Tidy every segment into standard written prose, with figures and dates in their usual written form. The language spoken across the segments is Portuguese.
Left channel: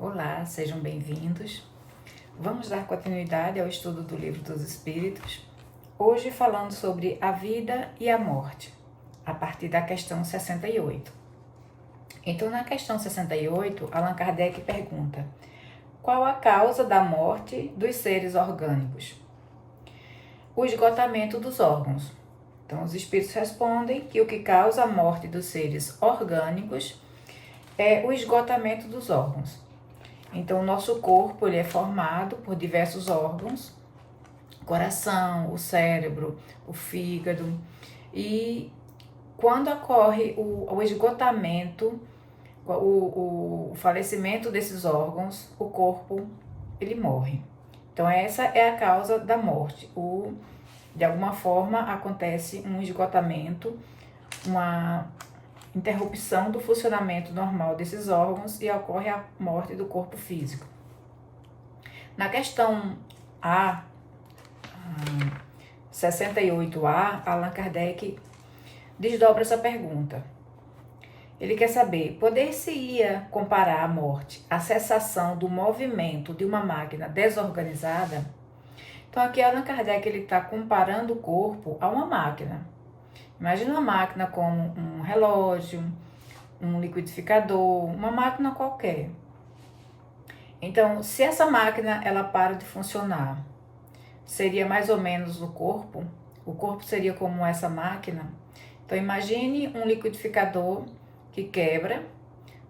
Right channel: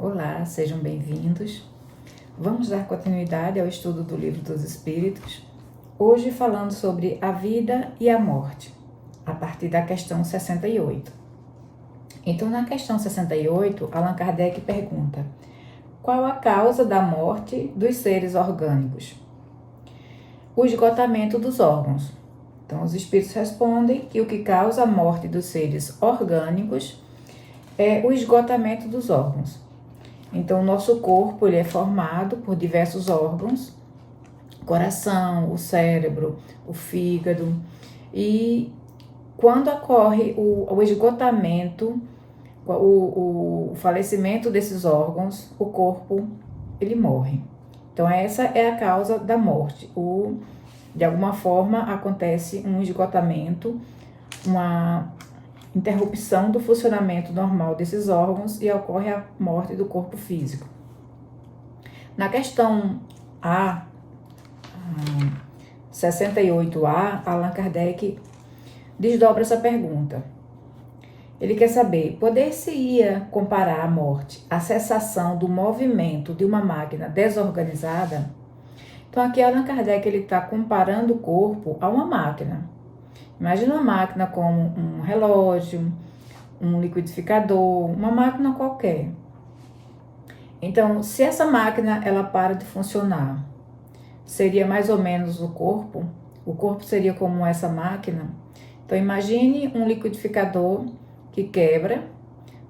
Olá, sejam bem-vindos. Vamos dar continuidade ao estudo do Livro dos Espíritos, hoje falando sobre a vida e a morte, a partir da questão 68. Então, na questão 68, Allan Kardec pergunta: qual a causa da morte dos seres orgânicos? O esgotamento dos órgãos. Então, os espíritos respondem que o que causa a morte dos seres orgânicos é o esgotamento dos órgãos. Então, o nosso corpo ele é formado por diversos órgãos, o coração, o cérebro, o fígado, e quando ocorre o esgotamento, o falecimento desses órgãos, o corpo ele morre. Então, essa é a causa da morte. De alguma forma, acontece um esgotamento, uma interrupção do funcionamento normal desses órgãos e ocorre a morte do corpo físico. Na questão 68A, Allan Kardec desdobra essa pergunta. Ele quer saber, poder-se-ia comparar a morte à cessação do movimento de uma máquina desorganizada? Então aqui Allan Kardec está comparando o corpo a uma máquina. Imagina uma máquina como um relógio, um liquidificador, uma máquina qualquer. Então, se essa máquina ela para de funcionar, seria mais ou menos o corpo seria como essa máquina. Então, imagine um liquidificador que quebra,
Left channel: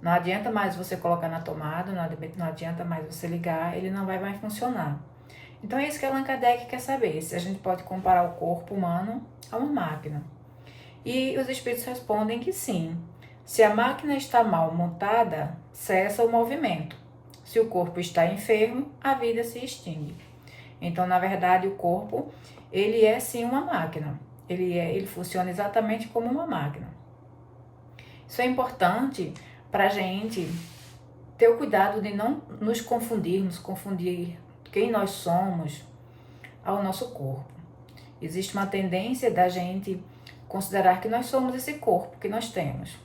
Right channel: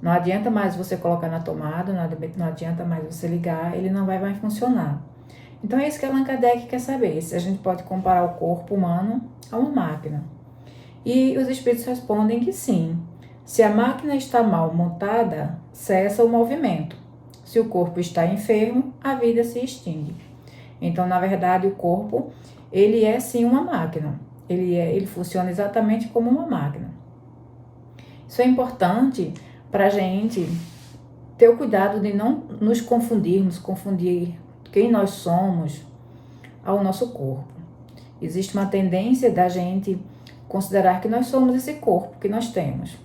não adianta mais você colocar na tomada, não adianta mais você ligar, ele não vai mais funcionar. Então, é isso que Allan Kardec quer saber, se a gente pode comparar o corpo humano a uma máquina. E os espíritos respondem que sim. Se a máquina está mal montada, cessa o movimento. Se o corpo está enfermo, a vida se extingue. Então, na verdade, o corpo, ele é sim uma máquina. Ele funciona exatamente como uma máquina. Isso é importante para a gente ter o cuidado de não nos confundir quem nós somos ao nosso corpo. Existe uma tendência da gente considerar que nós somos esse corpo que nós temos.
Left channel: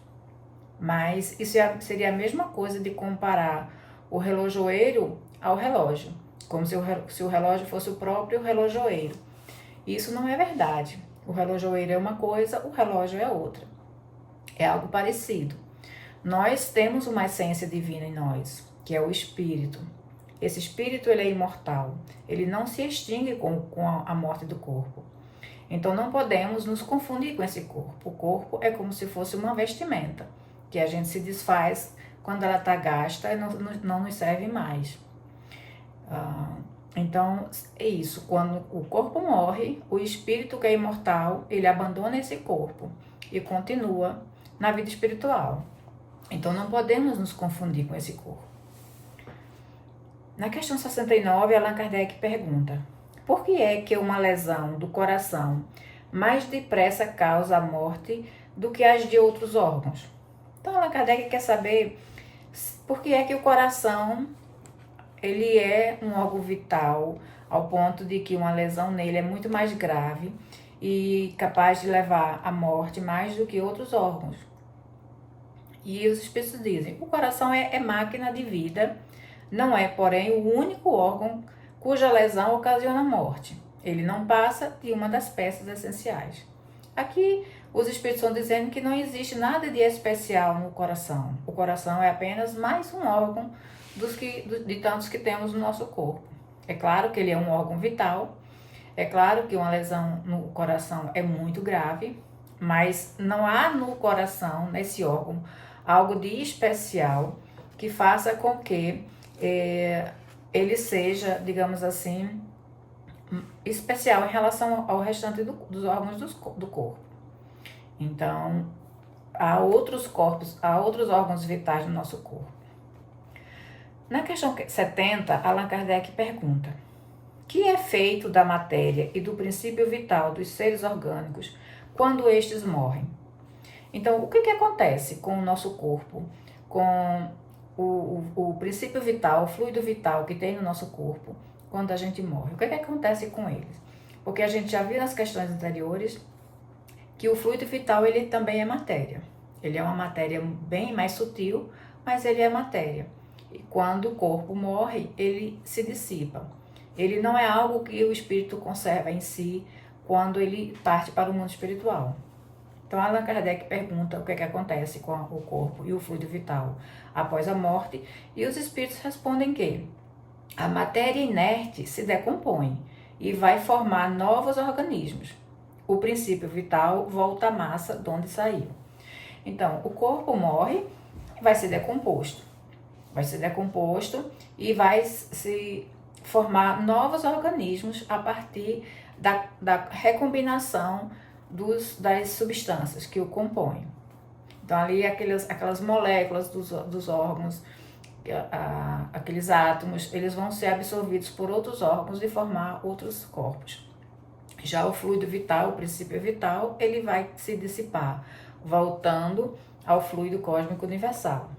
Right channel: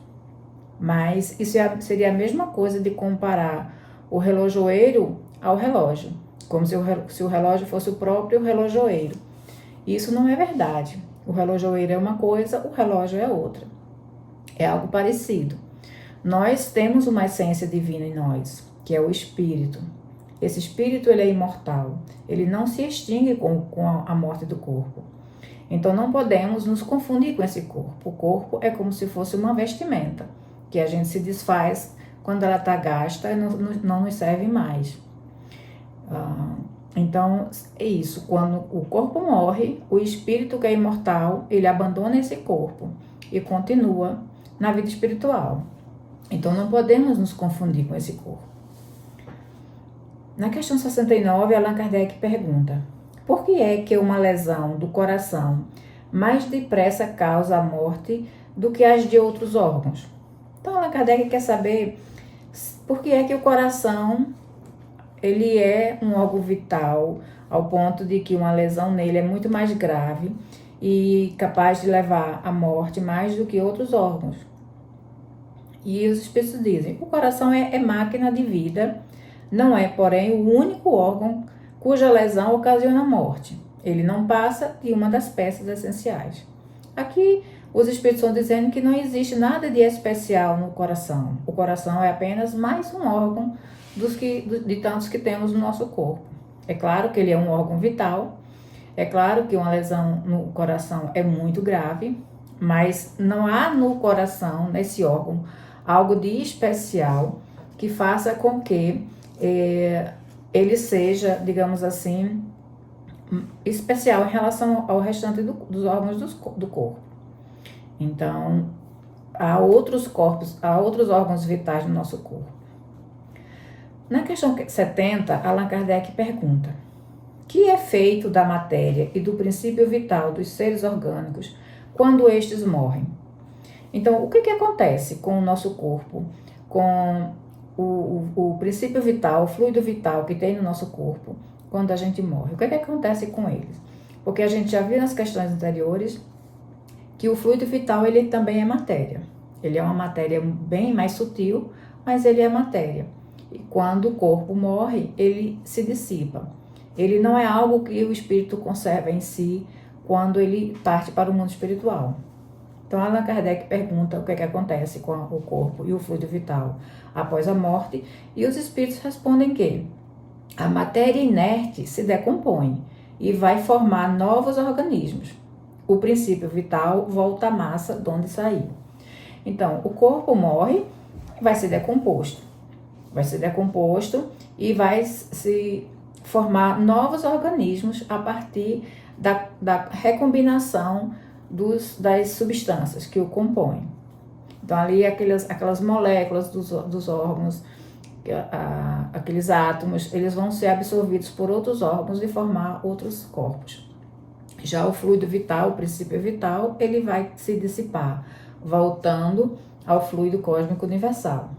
Mas isso seria a mesma coisa de comparar o relojoeiro ao relógio, como se o relógio fosse o próprio relojoeiro. Isso não é verdade. O relojoeiro é uma coisa, o relógio é outra. É algo parecido. Nós temos uma essência divina em nós, que é o espírito. Esse espírito ele é imortal. Ele não se extingue com a morte do corpo. Então, não podemos nos confundir com esse corpo. O corpo é como se fosse uma vestimenta, que a gente se desfaz quando ela está gasta e não nos serve mais. Então, é isso. Quando o corpo morre, o espírito que é imortal, ele abandona esse corpo e continua na vida espiritual. Então, não podemos nos confundir com esse corpo. Na questão 69, Allan Kardec pergunta: por que é que uma lesão do coração mais depressa causa a morte do que as de outros órgãos? Então, Allan Kardec quer saber por que é que o coração ele é um órgão vital, ao ponto de que uma lesão nele é muito mais grave e capaz de levar à morte mais do que outros órgãos. E os espíritos dizem: o coração é máquina de vida, não é, porém, o único órgão cuja lesão ocasiona a morte. Ele não passa de uma das peças essenciais. Aqui, os espíritos estão dizendo que não existe nada de especial no coração. O coração é apenas mais um órgão de tantos que temos no nosso corpo. É claro que ele é um órgão vital, é claro que uma lesão no coração é muito grave, mas não há no coração, nesse órgão, algo de especial que faça com que ele seja, digamos assim, especial em relação ao restante dos órgãos do corpo. Então, há outros órgãos vitais no nosso corpo. Na questão 70, Allan Kardec pergunta: que é feito da matéria e do princípio vital dos seres orgânicos quando estes morrem? Então, o que acontece com o nosso corpo, com o princípio vital, o fluido vital que tem no nosso corpo quando a gente morre? O que acontece com eles? Porque a gente já viu nas questões anteriores que o fluido vital ele também é matéria. Ele é uma matéria bem mais sutil, mas ele é matéria. E quando o corpo morre, ele se dissipa. Ele não é algo que o espírito conserva em si quando ele parte para o mundo espiritual. Então, Allan Kardec pergunta o que é que acontece com o corpo e o fluido vital após a morte, e os espíritos respondem que a matéria inerte se decompõe e vai formar novos organismos. O princípio vital volta à massa de onde saiu. Então, o corpo morre, vai ser decomposto. Vai ser decomposto e vai se formar novos organismos a partir da recombinação das substâncias que o compõem. Então, ali aquelas moléculas dos órgãos, aqueles átomos, eles vão ser absorvidos por outros órgãos e formar outros corpos. Já o fluido vital, o princípio vital, ele vai se dissipar, voltando ao fluido cósmico universal.